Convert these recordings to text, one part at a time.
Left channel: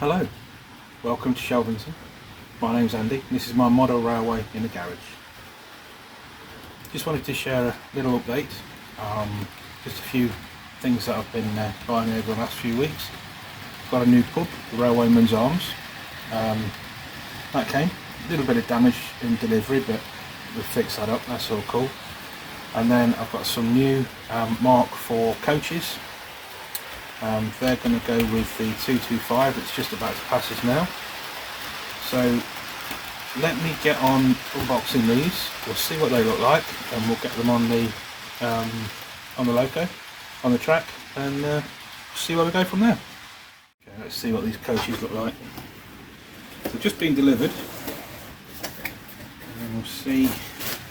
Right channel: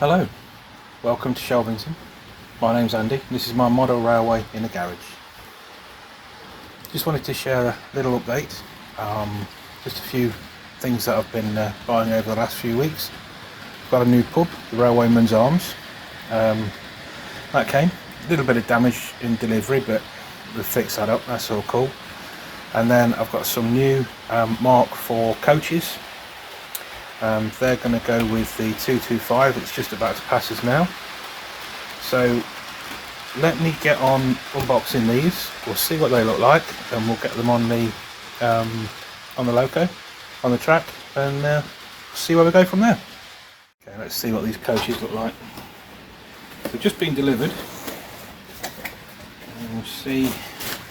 Hello, welcome to Shelvington. My name's Andy, this is my model railway in the garage. Just wanted to share a little update, just a few things that I've been buying over the last few weeks. Got a new pub, the Railwayman's Arms. That came, a little bit of damage in delivery, but we'll fix that up, that's all cool. And then I've got some new Mark 4 coaches. They're going to go with the 225, it's just about to pass us now. So let me get on unboxing these, we'll see what they look like, and we'll get them on the loco, on the track, and see where we go from there. Okay, let's see what these coaches look like. They've just been delivered, and we'll see,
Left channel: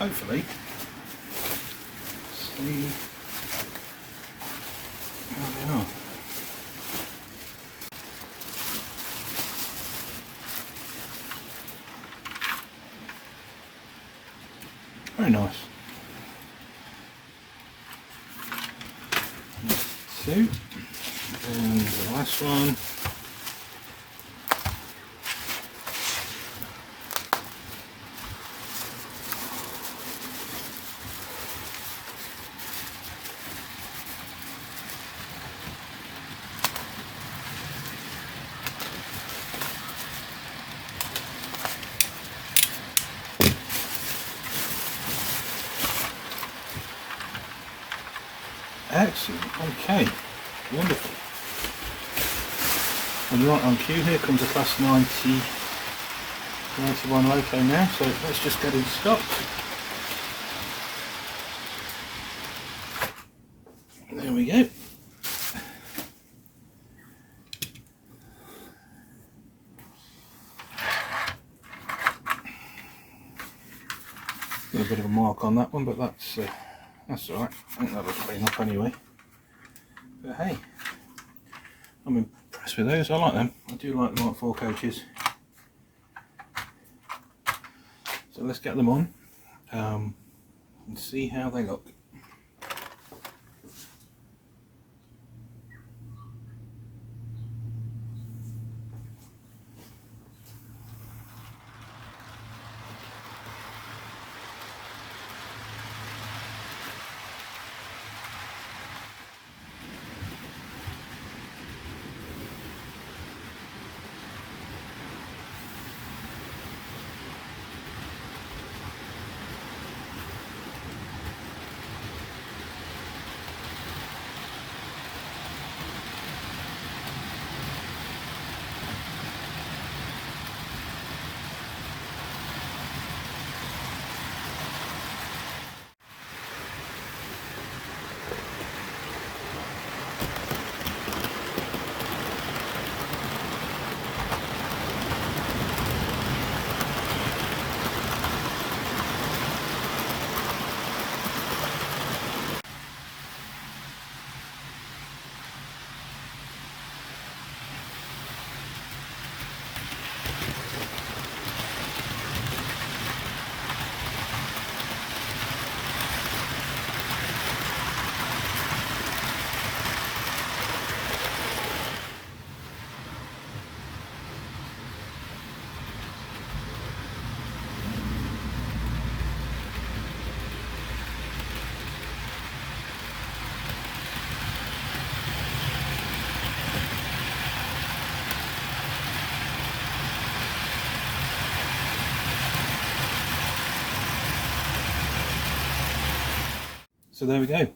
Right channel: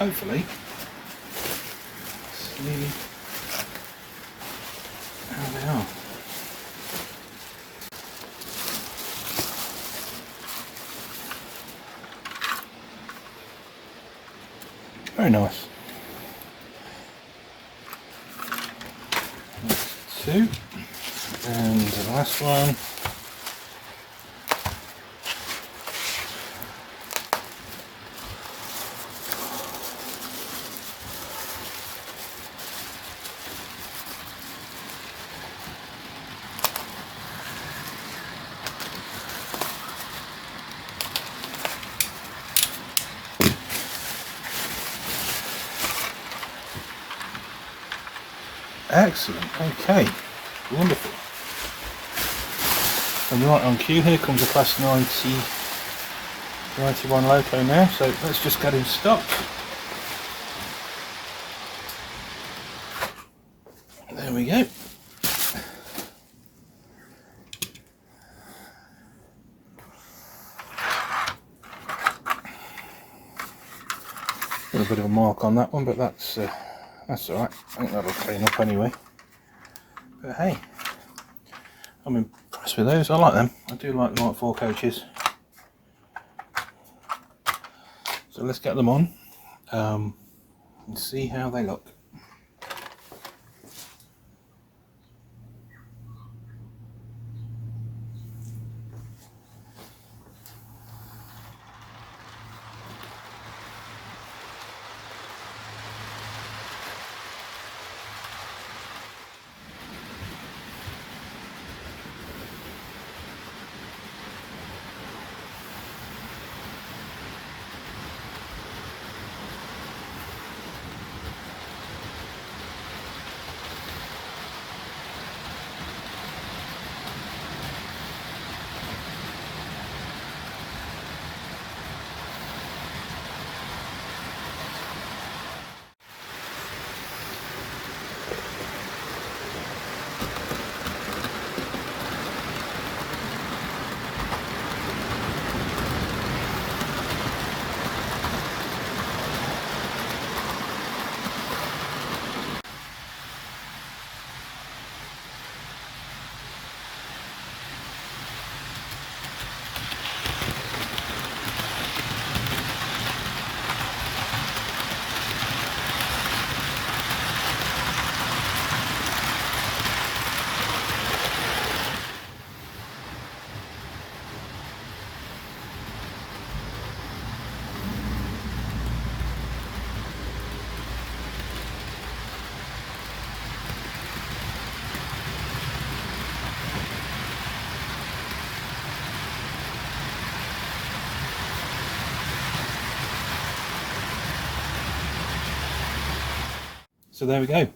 hopefully, see how they are. Very nice. That's 2, and the last one. Excellent, okay, wonderful. And you're right on cue, here comes a class 91 loco now, so let's just get him stopped. There we go. A little bit of a mark on that one, but that's alright. I think that'll clean up anyway. But hey, I'm impressed with those. I like them. I do like the Mark 4 coaches. So let's get them on and see how they look. So there we go,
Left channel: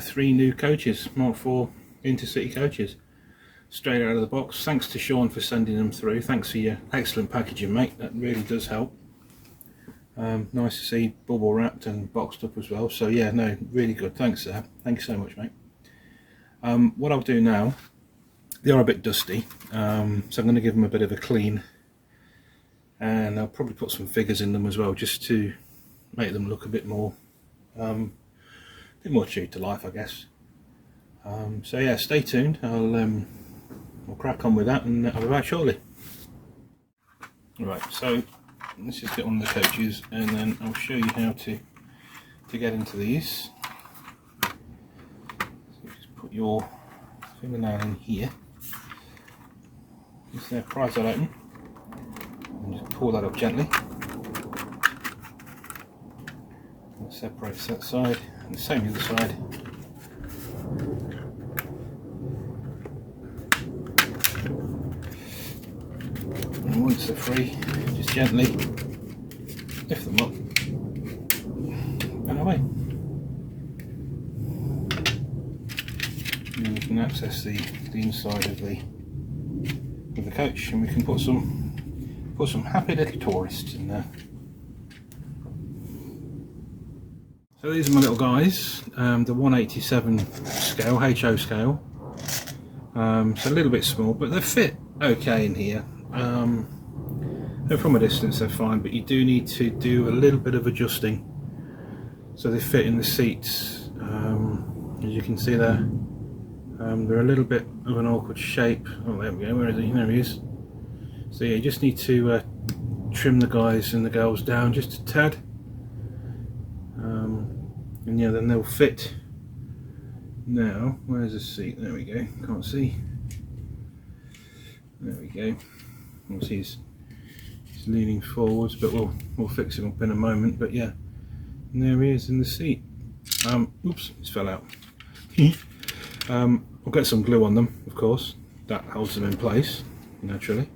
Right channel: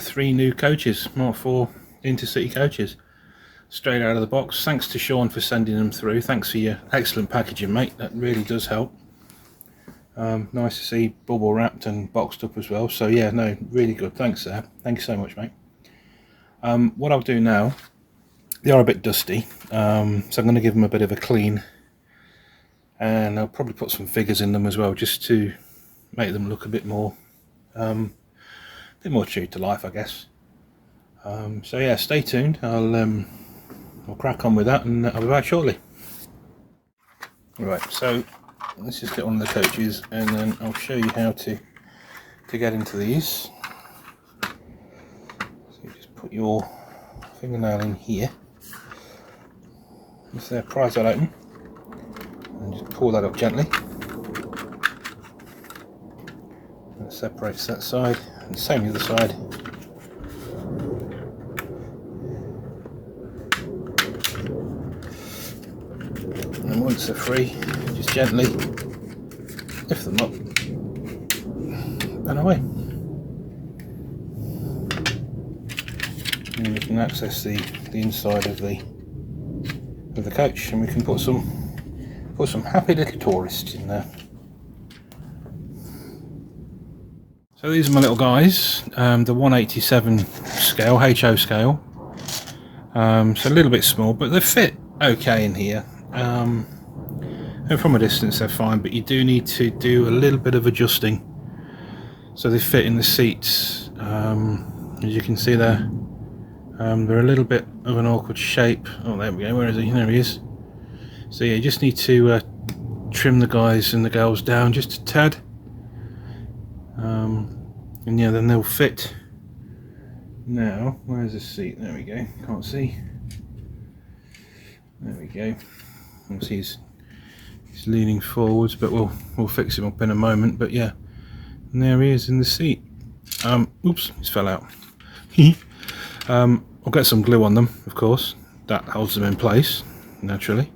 3 new coaches, Mark 4 Intercity Coaches, straight out of the box. Thanks to Sean for sending them through. Thanks for your excellent packaging, mate, that really does help. Nice to see bubble wrapped and boxed up as well, so yeah, no, really good, thanks there, thank you so much, mate. What I'll do now, they are a bit dusty, so I'm going to give them a bit of a clean, and I'll probably put some figures in them as well, just to make them look a bit more true to life, I guess. So yeah, stay tuned. I'll crack on with that, and I'll be back shortly. Right, so let's just get one of the coaches, and then I'll show you how to get into these. So you just put your fingernail in here, Just prise that open and just pull that up gently. That separates that side, and the same the other side. And once they're free, just gently lift them up and away. And we can access the inside of the coach, and we can put some happy little tourists in there. So these are my little guys, the 187 scale, HO scale. So a little bit small, but they fit okay in here. And from a distance they're fine, but you do need to do a little bit of adjusting so they fit in the seats. As you can see there, they're a little bit of an awkward shape. Oh, there we go. Where is he? There he is. So yeah, you just need to trim the guys and the girls down just a tad, and yeah, then they'll fit. Now, where's the seat? There we go. Can't see. There we go. Obviously he's leaning forwards, but we'll fix him up in a moment. But yeah, and there he is in the seat. Oops, he's fell out. I'll get some glue on them, of course. That holds them in place naturally.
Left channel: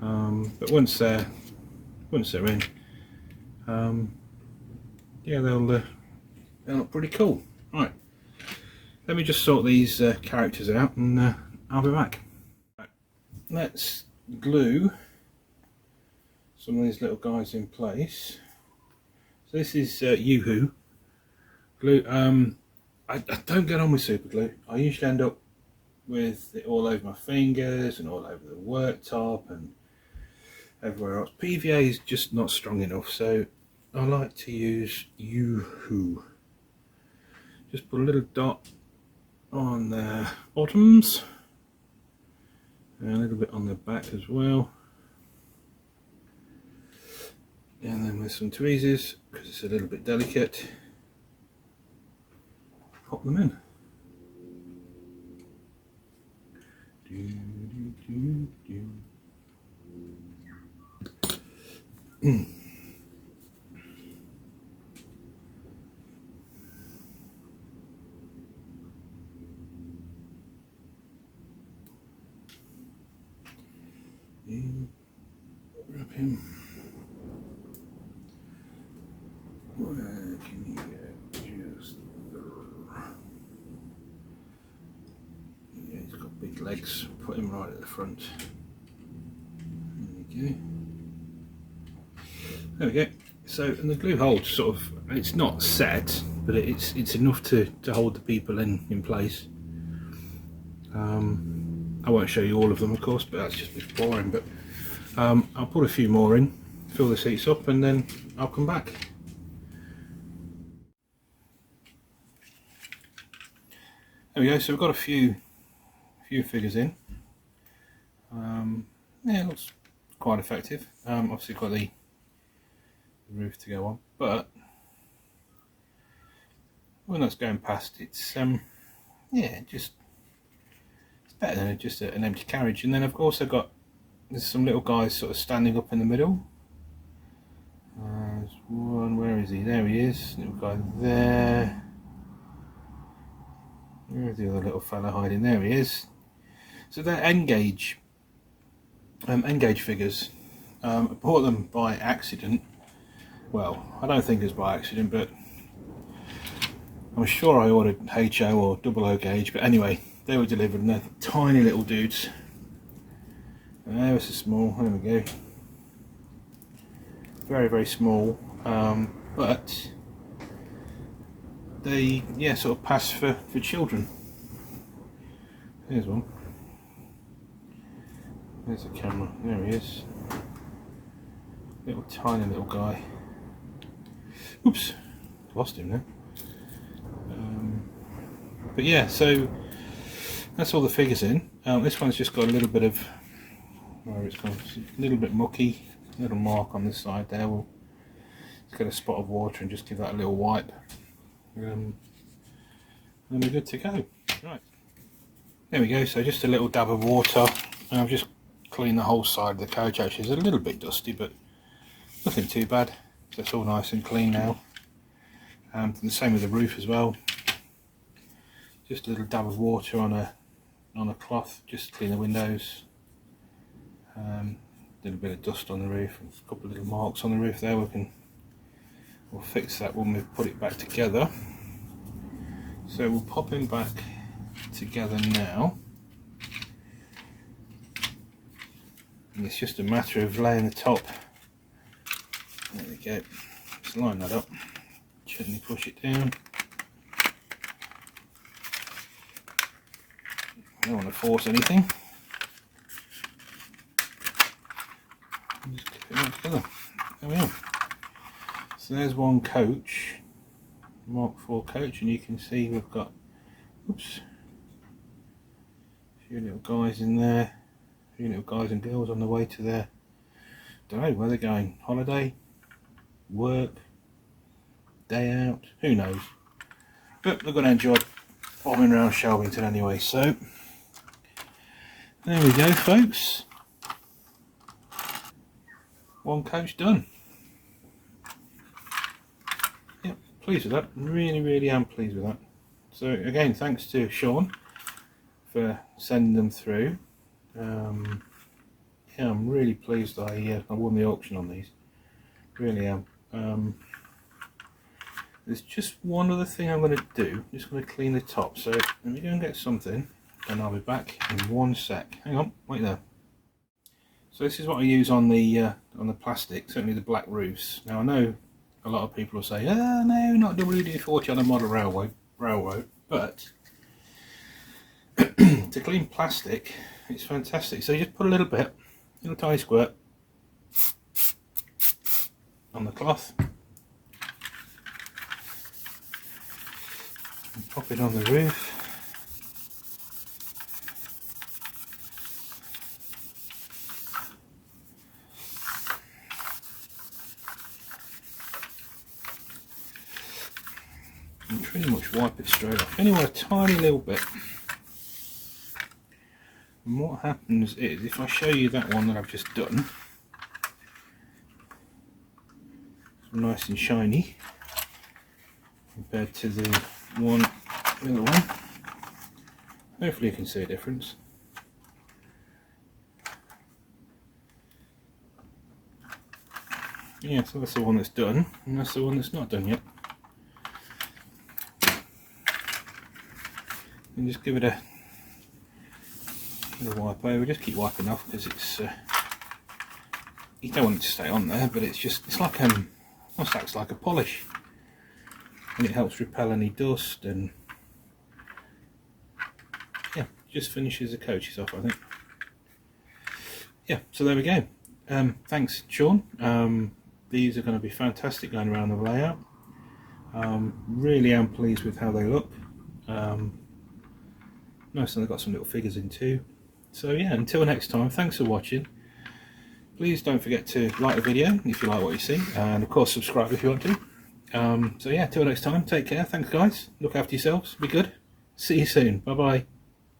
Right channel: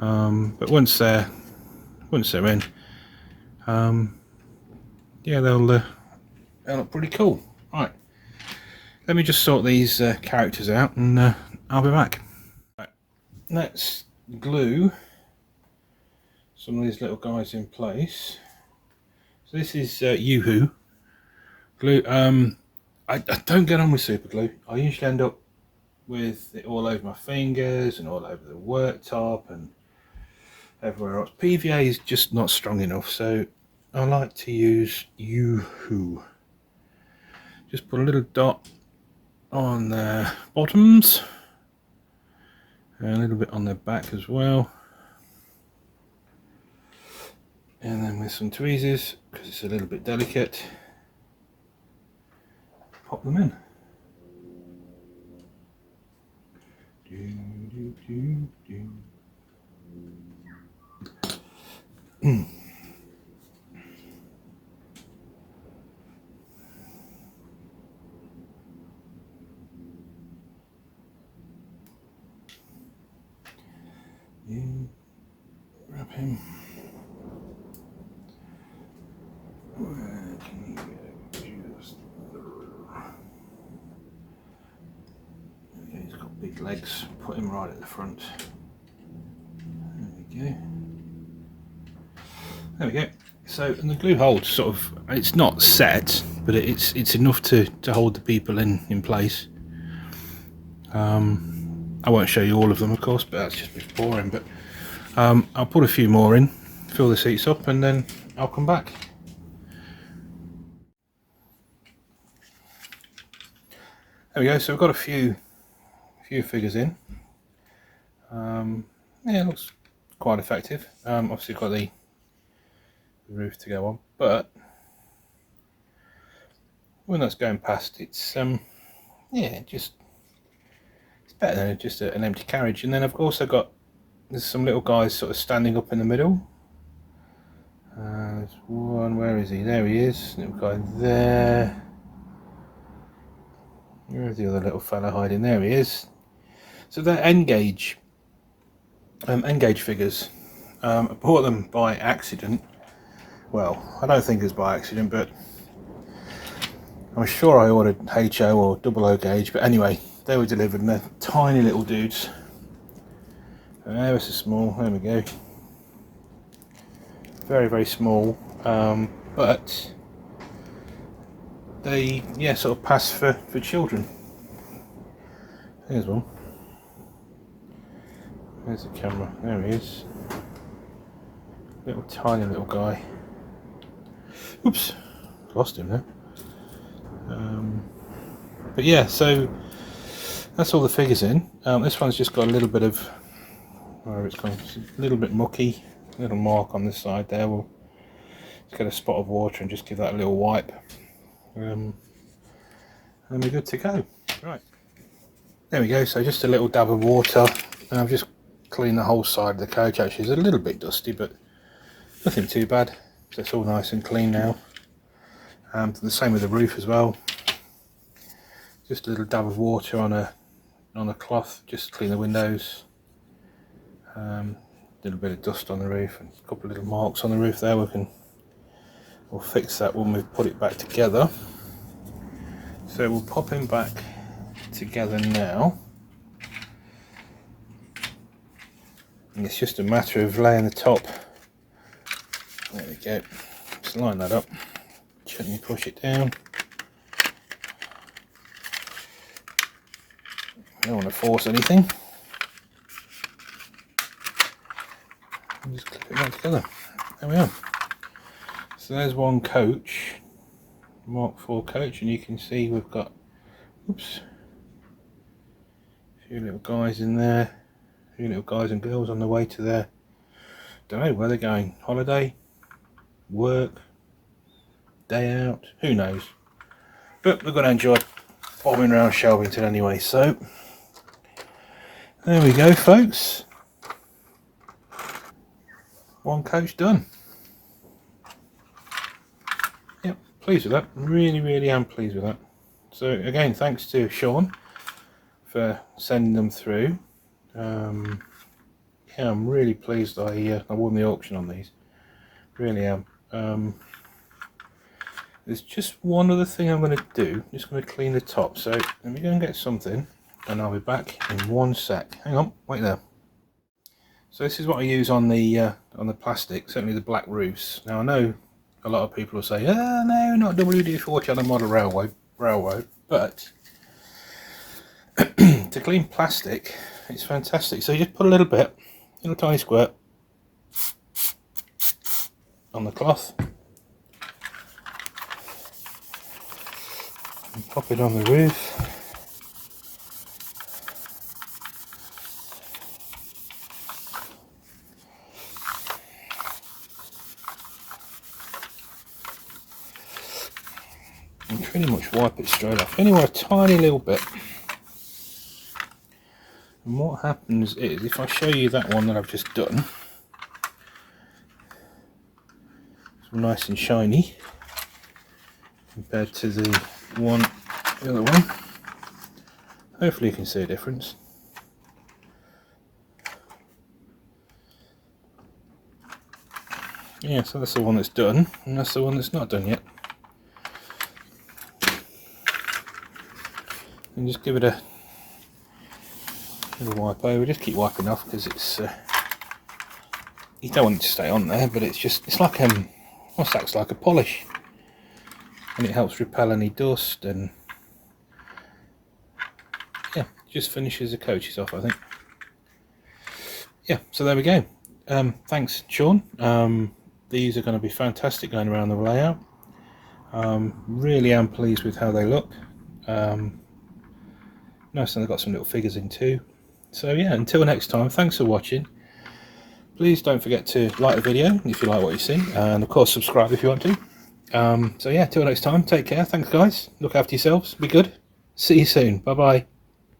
But once they're in, yeah, they'll look pretty cool. Right, let me just sort these characters out, and I'll be back. Right, let's glue some of these little guys in place. So this is Yoo-hoo glue. I don't get on with super glue. I usually end up with it all over my fingers and all over the worktop and everywhere else. PVA is just not strong enough, so I like to use Yoo-hoo. Just put a little dot on their bottoms and a little bit on their back as well, and then with some tweezers, because it's a little bit delicate, pop them in. Wrap him. Where can you go? Just yeah, he's got big legs. Put him right at the front. There we go. There we go. So, and the glue holds sort of, it's not set, but it's enough to hold the people in place. I won't show you all of them, of course, but that's just a bit boring. But I'll put a few more in, fill the seats up, and then I'll come back. There we go. So we've got a few figures in. Yeah, it looks quite effective. Obviously got the roof to go on, but when that's going past, it's yeah, just it's better than just an empty carriage. And then I've also got, there's some little guys sort of standing up in the middle. There's one. Where is he? There he is. Little guy there. Where's the other little fella hiding? There he is. So they're N-gauge figures. I bought them by accident. Well, I don't think it was by accident, but I'm sure I ordered HO or double O gauge. But anyway, they were delivered, and they're tiny little dudes. Ever so small. There we go. Very, very small. But they, yeah, sort of pass for children. Here's one. There's the camera. There he is. Little tiny little guy. Oops, lost him now. But yeah, so that's all the figures in. This one's just got a little bit of, where it's going, a little bit mucky. Little mark on this side there. We'll just get a spot of water and just give that a little wipe. And we're good to go. Right, there we go. So just a little dab of water, and I've just clean the whole side of the coach. Actually, it's a little bit dusty, but nothing too bad. So it's all nice and clean now. The same with the roof as well. Just a little dab of water on a cloth, just to clean the windows. A little bit of dust on the roof and a couple of little marks on the roof there. We'll fix that when we put it back together. So we'll pop him back together now. And it's just a matter of laying the top. There we go. Just line that up. Gently push it down. Don't want to force anything. And just clip it back together. There we are. So there's one coach, Mark 4 coach, and you can see we've got, oops, a few little guys in there, a few little guys and girls on the way to their, don't know where they're going, holiday, work, day out, who knows. But we're going to enjoy bombing around Shelvington anyway, so there we go, folks. One coach done. Yep, pleased with that. Really am pleased with that. So again, thanks to Sean for sending them through. Yeah, I'm really pleased I won the auction on these. Really am. There's just one other thing I'm going to do. I'm just going to clean the top. So let me go and get something, and I'll be back in one sec. Hang on, wait there. So this is what I use on the plastic, certainly the black roofs. Now I know a lot of people will say, oh no, not WD-40 Channel Model Railway, but to clean plastic, it's fantastic. So you just put a little tiny squirt on the cloth, and pop it on the roof. And pretty much wipe it straight off. Anyway, a tiny little bit. And what happens is, if I show you that one that I've just done, it's nice and shiny compared to the other one. Hopefully you can see a difference. Yeah, so that's the one that's done, and that's the one that's not done yet. And just give it a little wipe over. Just keep wiping off because it's you don't want it to stay on there, but it's like almost acts like a polish, and it helps repel any dust, and yeah, just finishes the coaches off, I think. Yeah, so there we go. Thanks, Sean. These are going to be fantastic going around the layout. Really am pleased with how they look. Nice, and they've got some little figures in too. So yeah, until next time, thanks for watching. Please don't forget to like the video if you like what you see, and of course subscribe if you want to. So yeah, till next time, take care. Thanks guys, look after yourselves, be good, see you soon, bye bye.